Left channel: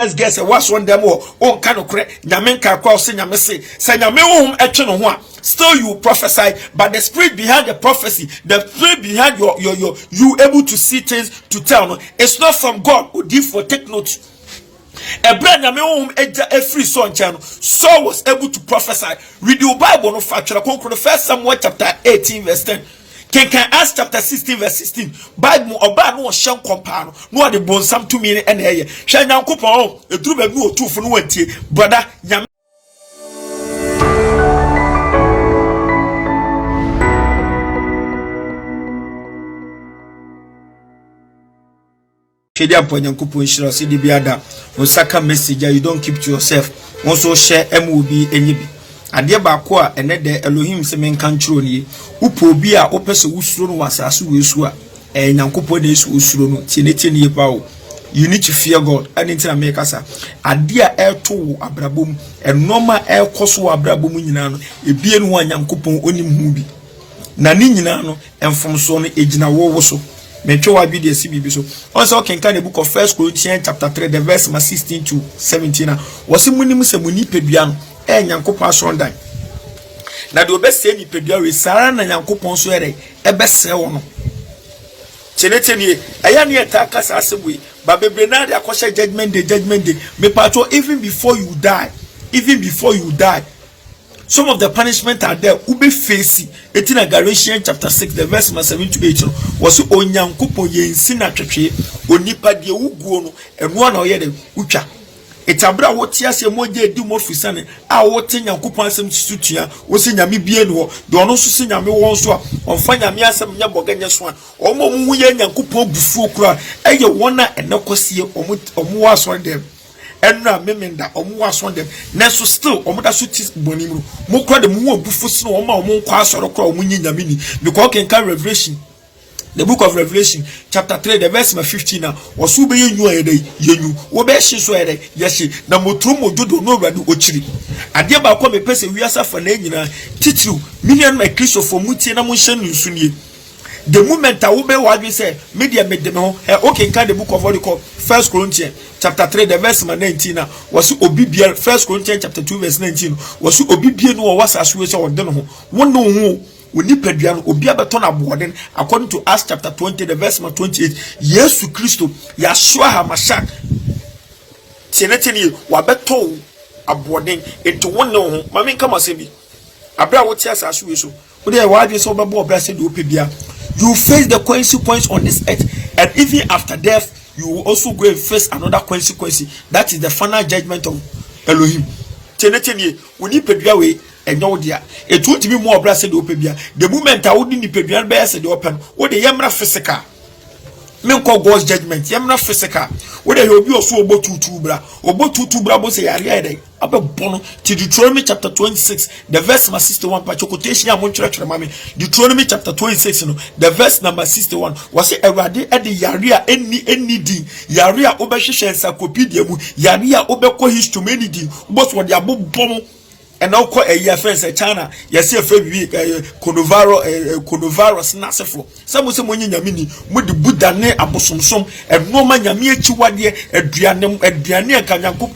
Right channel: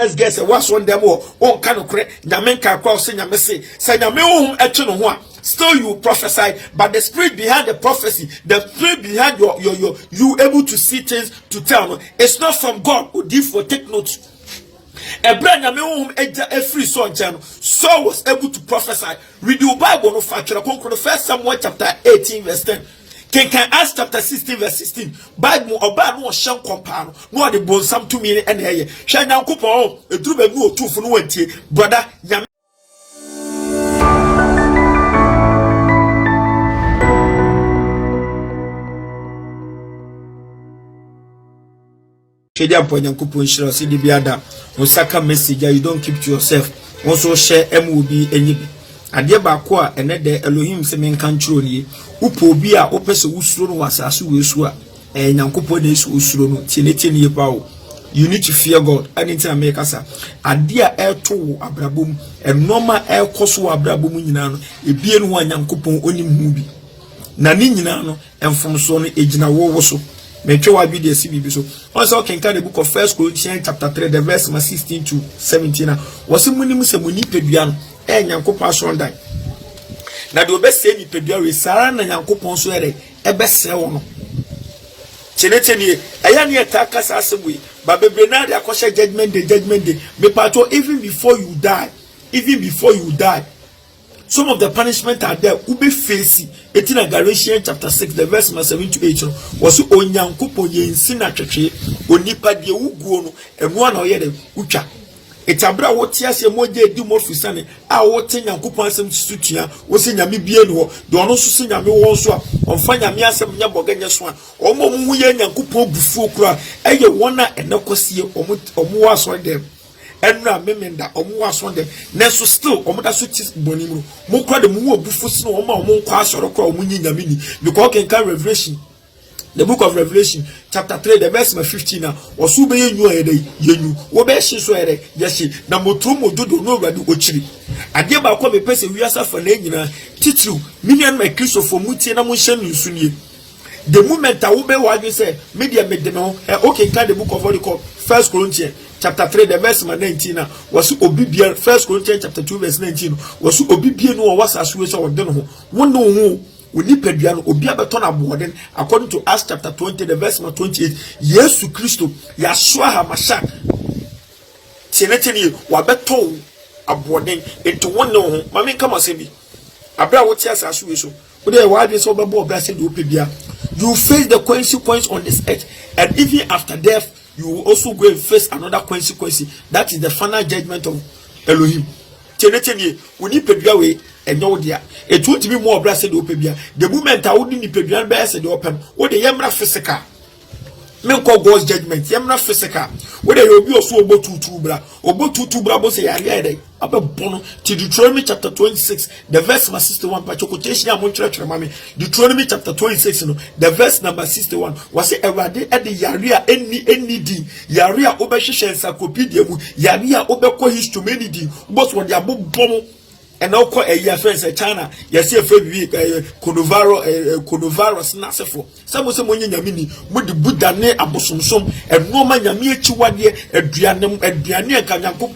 Let's guess what's one them or on kind of correct. Nyame can cross in Yamese. Say Nyame etchen still you prophesy, but the spirit behind the prophecy, the spirit behind you able to see things to tell. It's not from God. Who give for take note. A brand a free son channel. Saul was able to prophesy. Read your Bible no factual. First Samuel chapter 18 verse 10. Can Acts chapter 16 verse 16. Bible oba no shan compare no de bon sam to me and here. Shan Yankopon e duru be no two for no wantie. Brother Nyame Shedia po Yankopon shira si di biada. Osaka message you don't keep to yourself. Also share MOB enyibi. Ade ba ko a ene de Elohim se men kan chiro nie upo bi a opese usuro no wasase wesu a Nyankopon na esu usuro no tiene pa o. You need to fear God. And in America sa ade a eto abrabom enoma ekoso abrabom nyina no ebie no Nyankopon onim hu bi na ni nyina no emfomso no ejina wo so metwe wa bi de sibibi so also can the book of 1 Corinthians chapter 3 the verse 16 to 17 was munim se muni pedua no Nyankopon asondan na de obese ni pedua we sara na Nyankopon so ere ebese wo no tenetenie aya ne etaka sa asebwe ba bebre na de akose judgment day me pato even before you die some of the punishment are there ube face it in Galatians chapter 6 the verse 7 to 8 was Onyankopon yensi na twetwe onipa de wuguo no eno na oye de utwa etabra woti ase moje edi mo fisane a woti Nyankopon asem tutua wo se nyame bie no de ono so se nyame won so a onfa nyame asem nya boganya so a omo mu ye Nyankopon bufuo kura eye wona enekosie omo waso dem enra memenda omo waso dem neso still omo da so tis bonimu mo kura de mu obufu se no omo nkwa asoro kura omo nyi nyame ni because can Revelation the book of Revelation chapter 3 the verse 15 na wosu be yenyu ayede yenyu wo be hye so ayede yesi na motru mododo no urade ochiri ade ba kwa me pese wiasa fa na nyina titru million my Christopher mutie na mo hye no nsunie the moment I will be what we say media made no okay can the book of what you call 1 Corinthians chapter 3 the verse 19 na was obibia 1 Corinthians chapter 2 verse 19 was obibia no was aswe so won no ho Uni pedua obi abeto na boden according to Acts chapter 20 the verse 28 Yesu Kristo Yashua HaMashiach teneteni wa beto aboden into one no mami kama se bi abra wo tia sasu we so wo dey wa bi so bebo obra se do pedua you face the consequence on this earth and even after death you will also go and face another consequence that is the final judgment of Elohim teneteni uni pedua we enyo dia it won't be more obra se do pedua the moment I would ni pedua be se do open wo dey yemra physical men call God's judgment yemna physical whether you be also obotutu bra bo say yare dey abebono to Deuteronomy chapter 26 the verse number 61 pa quotation am church mama Deuteronomy chapter 26 no the verse number 61 was say Ewade e de yare a eni di yare a obehwehwe encyclopedia mu yare a obekọ history many di but what they abobono and now call a year friends China yes a friend coronavirus na sefo some say monyi nyame ni mo de buda ne abosomsom and no man nyame achiwade aduane ka Nyankop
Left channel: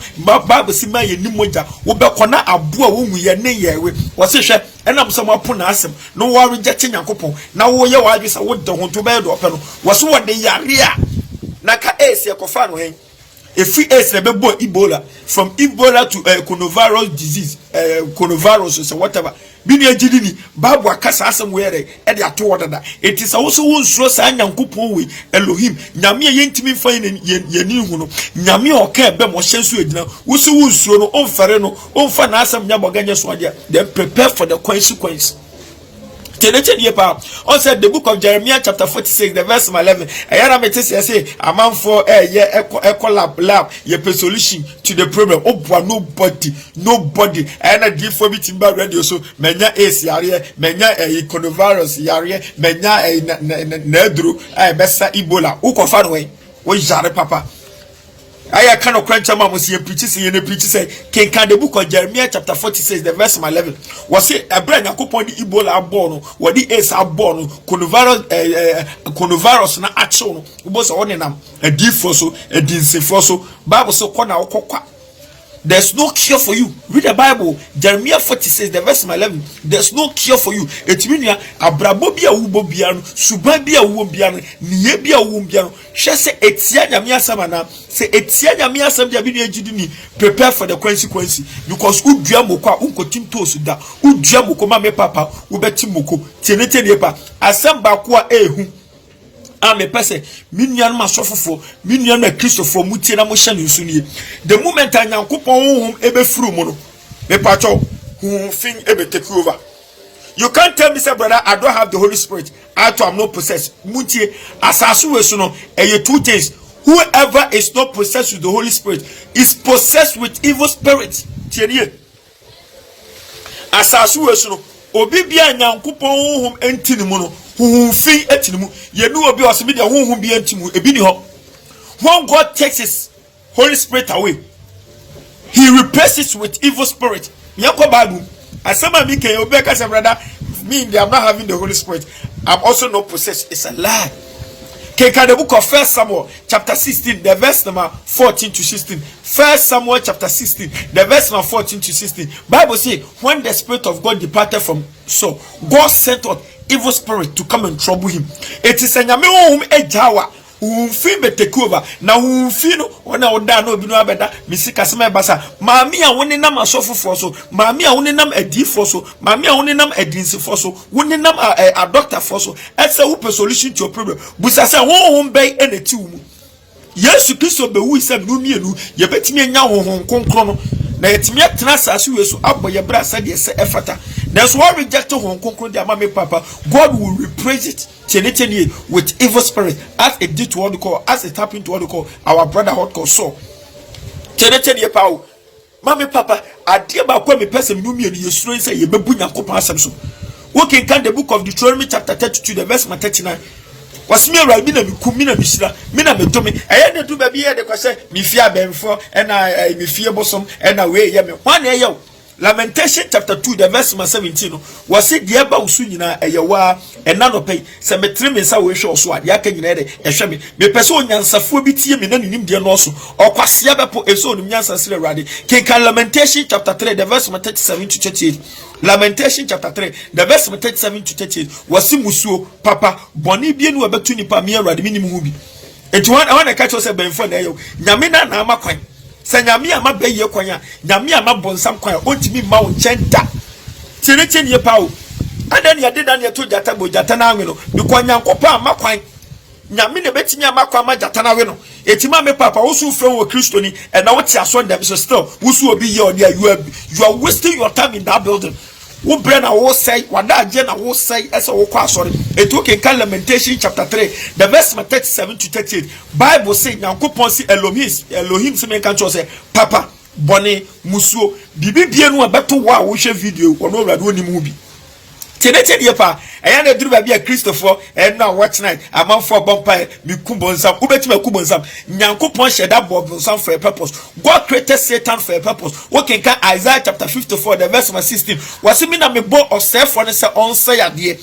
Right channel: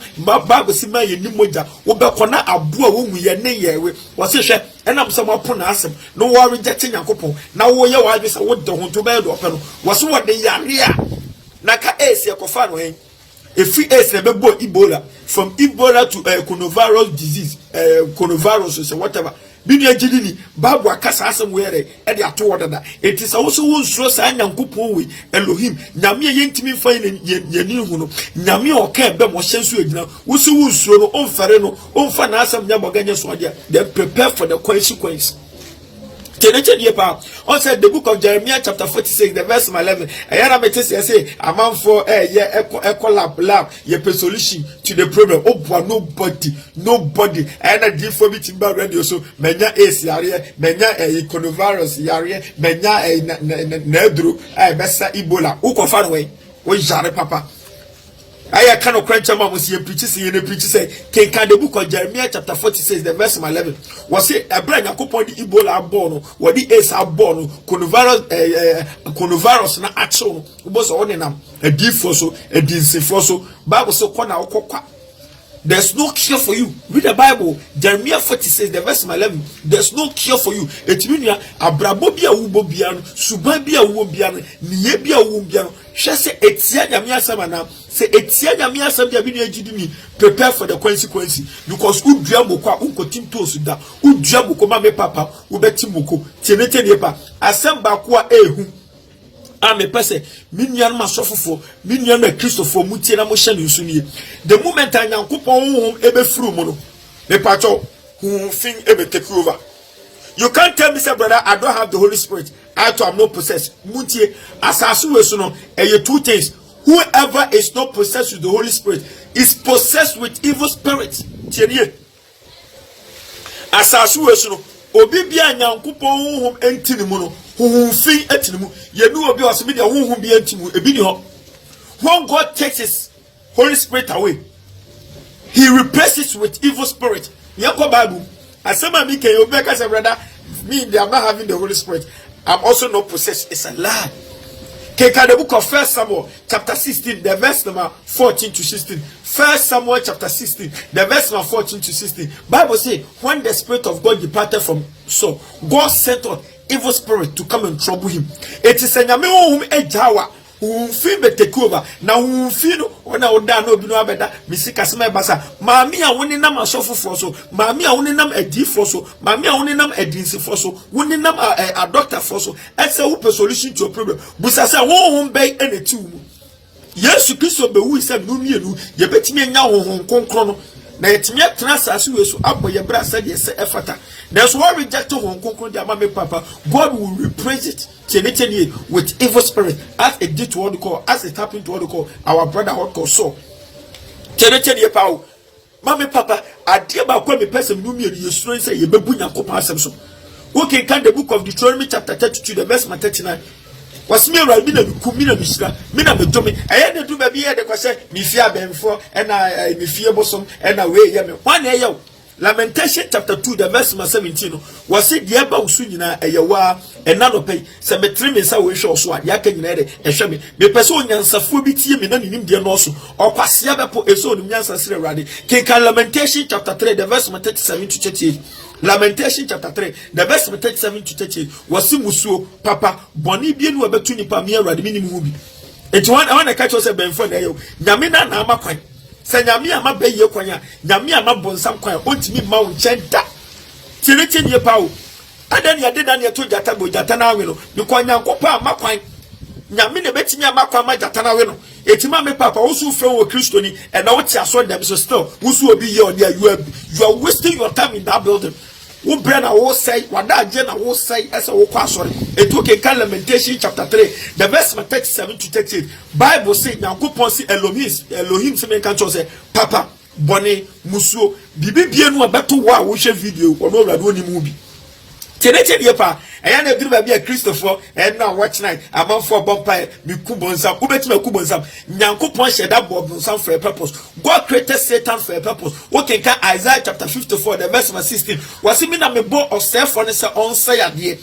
Bible si ma ye ni moja wo be kona abo a wo hu ye ne yewe wo se hwe enam so mapo na asem no wo reject Nyankopon na wo ye wa bi sa wo de ho to be do pe no wo so wo de yare a na ka esi ekofa no hen if we is remember Ebola from Ebola to coronavirus disease coronavirus or whatever bini ejidini babu akasa asem were e de ato wodada it is also one so sa Nyankopon we Elohim nyame ye ntimi fa ye ni hu no nyame o ka be mo hyenso agina wo so wonsuo no onfere no onfa na asem nya boganya so ade then prepare for the consequence. On said the book of Jeremiah chapter 46 the verse 11 ayara mete say a man for eco lab ye solution to the problem nobody ayana give for meeting by radio so menya ace yare menya coronavirus yare menya nedru besa Ebola ukofa no we jare papa I can of crunch among was here preaches in the preacher say, can the book of Jeremiah chapter 46, the verse 11. Was it a brand of coupon the Ebola bono, what the ace are born, coronavirus na action, was on a defoso, a dinsifoso, Bible so corner or there's no cure for you. Read the Bible. Jeremiah 46, the verse 11. There's no cure for you. It means abrabobia ubobiano, subabia ubobiano, niebia ubobiano. She say etia nyamia samana. Say etia nyamia sam dia bini ejidini. Prepare for the consequence. Because udua moko unko tinto suda. Udua moko mame papa ubeti moko. Tenete nepa. Asamba kwa ehu. Ame pese minyan masofofo minyan na Christopher mutie na mo hye ne nsunie the moment anyankopon honhom ebe furu mu no me pacho fin ebe take over. You can't tell me say brother I don't have the Holy Spirit I am not possessed mutie asasu we so no two things. Whoever is not possessed with the Holy Spirit is possessed with evil spirit. Tienie asasu we so no obi bia nyankopon honhom entini mu no fi etinimu ye nu obi osemi de honhom bi entimu ebi ni ho. When God takes his Holy Spirit away, he replaces it with evil spirit. Nyako Bible asema mi ke obi ka say brother me they are not having the Holy Spirit, I'm also not possessed. It's a lie. Keka the book of 1 Samuel chapter 16 the verse number 14 to 16. 1 Samuel chapter 16 the verse number 14 to 16. Bible say when the Spirit of God departed from Saul, God sent out evil spirit to come and trouble him. It is a nyame honhom ejawa umfi be take over na umfi no ona oda na obi no abeda misika sema basa maami a woni nam asofofo so maami a woni nam adifo so maami a woni nam adinsifo so woni nam a doctor for so ese wo solution to your problem busa say honhom be eneti wo mu Yesu Kristo be wu ise no mienu ye betimi anya honhom konkro no na yetimi atena asase wesu aboye bra sa de se efata. That's why reject honhom konkro de amame papa. God will replace it with evil spirit as it did to what we call, as it happened to what we call our brother hot called Saul. Teneteni pao mame papa adie ba kwa me person no mienu yesuro say ye bebu nyankopon asem so. We can the book of Deuteronomy chapter 32 the verse 39. Was me right me na kumina misira me na medome eye de do ba bi de kwase mi fia benfo e na mi fie bosom e na we ye me wan e ye Lamentation chapter 2 the verse 17 was said the eba usu nyina eyewa enano pay se metre me nsa we hwe so ade aka nyina de ehwe me pese onyansafo bi tie me na nim de no so okwase bepo eso onim nyansa sire rade can Lamentation chapter 3 the verse 37 to 38. Lamentation chapter 3 the verse 37 to 38 was musuo papa boni bi enu abetu nipa me rade minim hu bi enti wan catch us benfo na eyo nyame na na amakwan se nyame ama beye kwan a nyame ama bonsam kwan ontimi ma wo nkyenta tiretenie pawo adani ade dan yeto jata bo jata na anwe no bi kwan nyankopa ama kwan nyame ne betimi ama kwan ma jata na we no etima me papa wo su frɛ wo Kristo ni and na wo ti aso dem so still wo su obi ye on there you are wasting your time in that building. Wo brand na wo say wada age na wo say ese wo kwa asori eto ke Lamentation chapter 3 the verse 37 to 38. Bible say nyankopon si Elohim se men kan cho say papa bone musuo bibibie no abeto wo a wo hwe video ono awrade oni mu bi tenete die pa eya na duru ba bia Christopher and na watch night amanfo bompa mi kubonsam ubetima kubonsam nyankopon sheda bobonsam for a purpose. God created Satan for a purpose. What can Isaiah chapter 54 the verse 16 was me na me bo of self for say on say ade.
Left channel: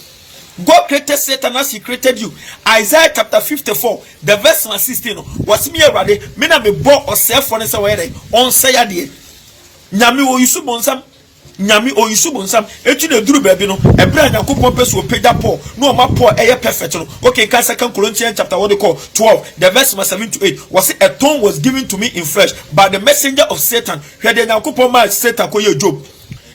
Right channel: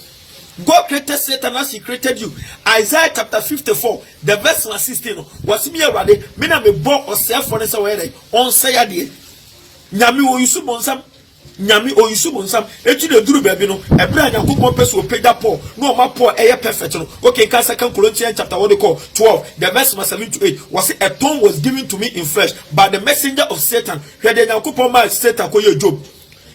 God created Satan as he created you. Isaiah chapter 54 the verse 16 was me awrade me na me bo of self for say where on say ade. Nyame wo yusu bonsam nyami oyisu bonsam etu de duru baabi no ebra nyankopon peso opeda Paul no ma Paul eye perfect no okay kan 2 Corinthians chapter 12 the verse 7 to 8 was a tongue was given to me in flesh by the messenger of Satan where the nyankopon ma Satan ko ye Job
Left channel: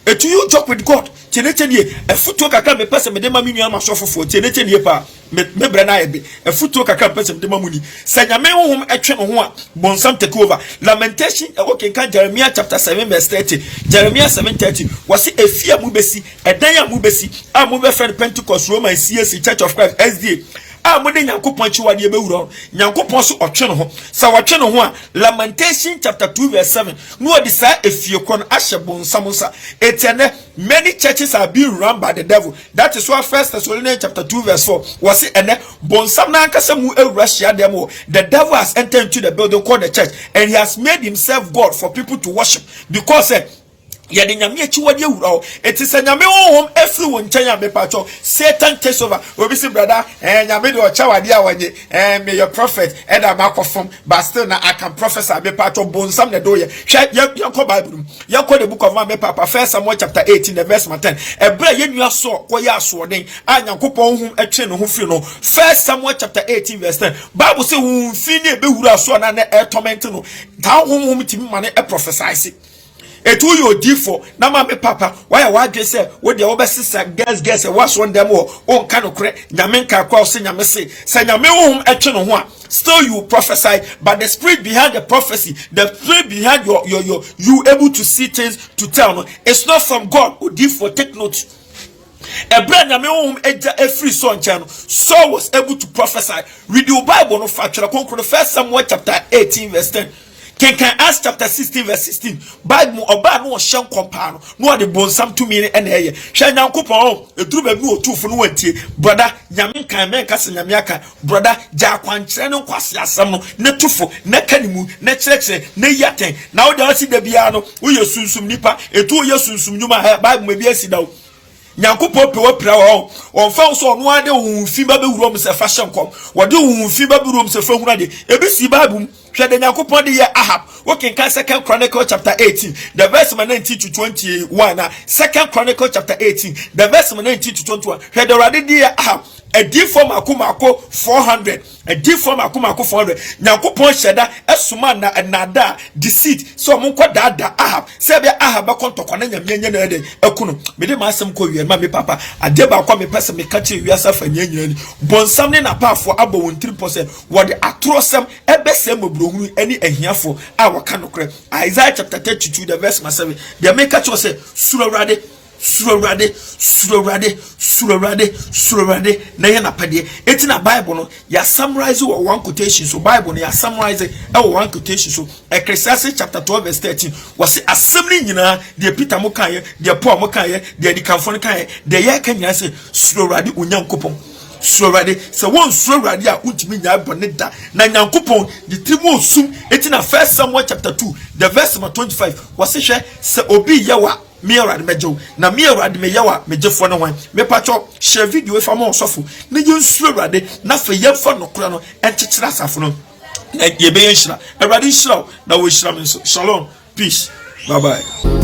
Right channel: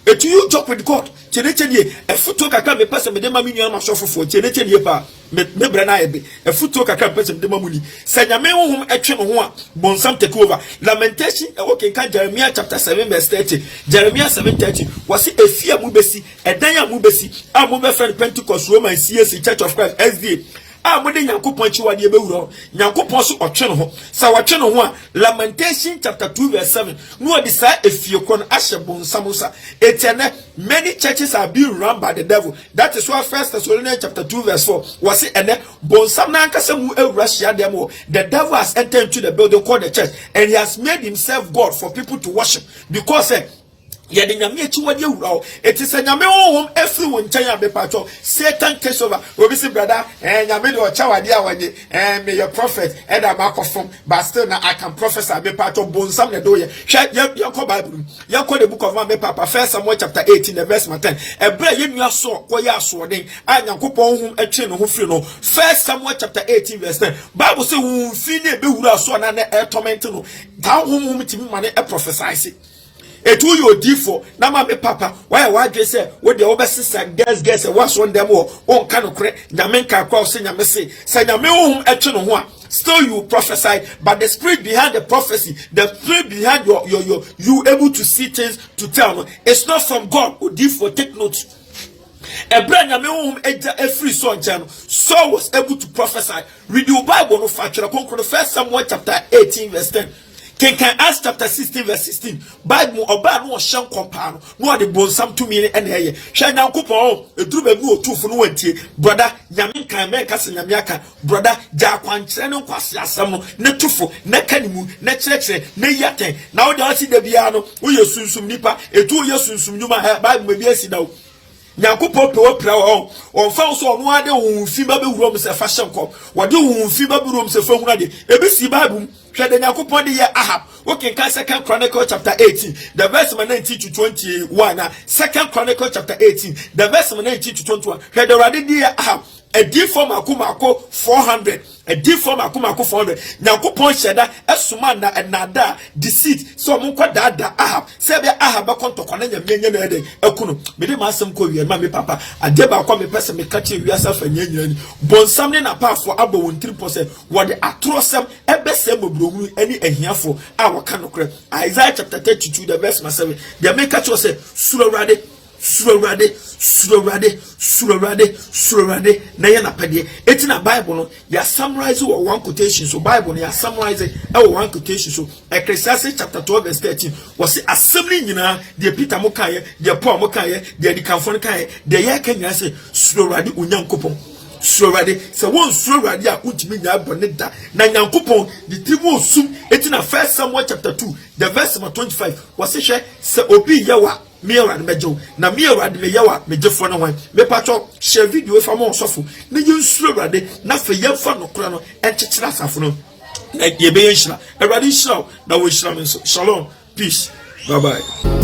etu you joke with God tenetenie efuto kakra me pese me de ma me nua ma sofofo tenetenie pa me bra na ebe efuto kakra pese me de ma muni sanyame honhom etwe no ho a bonsam take over. Lamentation okay kan Jeremiah chapter 7 verse 30 Jeremiah 7:30 was efia mu besi edan ya mu besi a mu be friend Pentecost Roman CAC Church of Christ SDA a mo de Nyankopon chiwade be wura Nyankopon so otwe no ho sa watwe no ho a Lamentation chapter 2 verse 7 no odi sa efie kon ahye bonsam sa etene many churches are being run by the devil. That is why 1 Thessalonians chapter 2 verse 4 was it ene bonsam na ankasa mu ewura hia dem. The devil has entered into the building called the church and he has made himself God for people to worship because yeah, the nyame chiwade wura it is a nyame honhom every one chen be pacho Satan takes over. Obi say brother nyame do chawade awanye may your prophet and am akofom but still na I can prophesy be pacho bonsam na do ye yanko Bible yanko the book of me papa 1 Samuel chapter 18 the verse 10 ebra ye nua so koye aso den a Nyankopon honhom etwe no ho firi no 1 Samuel chapter 18 verse 10 Bible say hu fi ne be wura so na torment no ta honhom timi mane e prophesy etu yo difo na ma me papa why wadwe say wo de wo be sisa guess was on them o kan okre nyame nka kwa se nyame se nyame ohum etwe no ho a still you prophesy but the spirit behind the prophecy the spirit behind your you able to see things to tell no it's not from God. O difo take note Ebra nyame ohum eja every son channel Saul was able to prophesy. Read your Bible no factual konkro 1 Samuel chapter 18 verse 10 Can Acts chapter 16 verse 16 Bible oba no hye nkompa no de bonsam to me ene ye hwe Nyankopon eduru ba bi otufo no wantie brother nyame kan men ka se nyame aka brother ja kwankyere no kwase asem no ne tufo ne kanimu ne kyerekye ne yaten na wo de wasi da bia no wo yesunsum nipa etu yesunsum nyuma Bible ma bi asida wo Nyankopon pe wapra wo onfa so ono ade wo fi ba be wuro m se fa hye nkom wo de wo fi ba be wuro m se fa huna de ebi si Bible Shade Nyankopon de ye Ahab. Working 2 Chronicles chapter 18, the verse 19 to 21. 2 Chronicles chapter 18, the verse 19 to 21. Shade already de Ahab. A deep form akumako 400. A deep form akumako 400. Nyankopon sheda esuma na nada deceit. So munko da Ahab. Sebe Ahab akonto kwane nyamyenye na ede ekunu. Mede ma asem ko wiema me papa. Adeba kwa me pese me kache wiasa fa nyenyen. Bonsam ne na pa for abo 3%. Wode atrosem ebesem obrohunu eni ehiafo a waka nokre. Isaiah chapter 32 the verse 7. They make catch was say surorade na ye na pade eti na Bible no ya summarize one quotation so Bible no ya summarize one quotation so Ecclesiastes chapter 12 verse 13 was assembly nyina de Peter mo kan ye de Paul mo kan ye de dikanfo kan ye de ye kan nyina say surorade onyankopon surorade se won surorade a untimi nya bone da na nyankopon de trimo sum eti na 1 Samuel chapter 2 the verse 25 was se obi yawa me awade mejo na me awade me yawa mejefo no wan me pacho share video fa mo sofo na yensu awade na fa yemfa no kura no enkyekira asafo no na ye be yenhira awade nhira na wo hira me so shalom peace bye bye.